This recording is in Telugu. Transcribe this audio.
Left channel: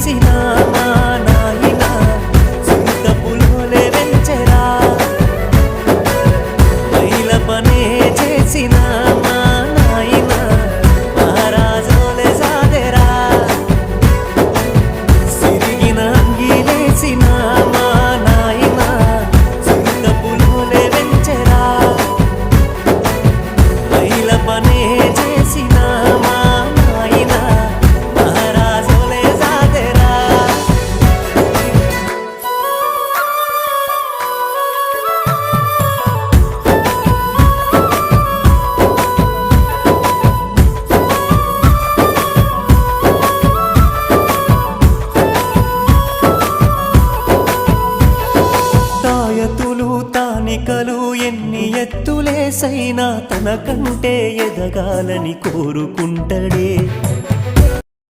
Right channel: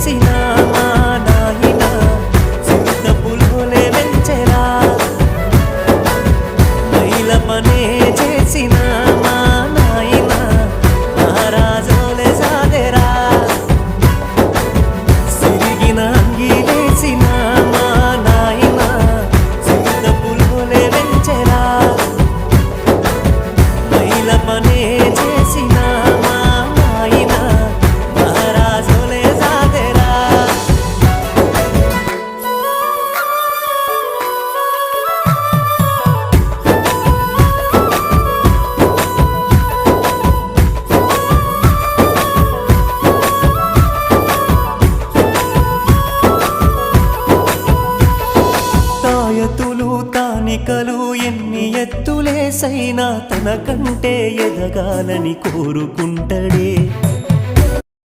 చేసిన మా నాయన చిరుత పులోలే వెంచెరా మైల పనే చేసిన మా నాయన మహారాజోలే సాదెరా సిరిగిన అంగిలేసిన మా నాయన చిరుత పులోలే వెంచెరా మైల పనే చేసిన మా నాయన మహారాజోలే సాదెరా తాయతులు తానికలు ఎన్ని ఎత్తులేసైనా తనకంటే ఎదగాలని కోరుకుంటడే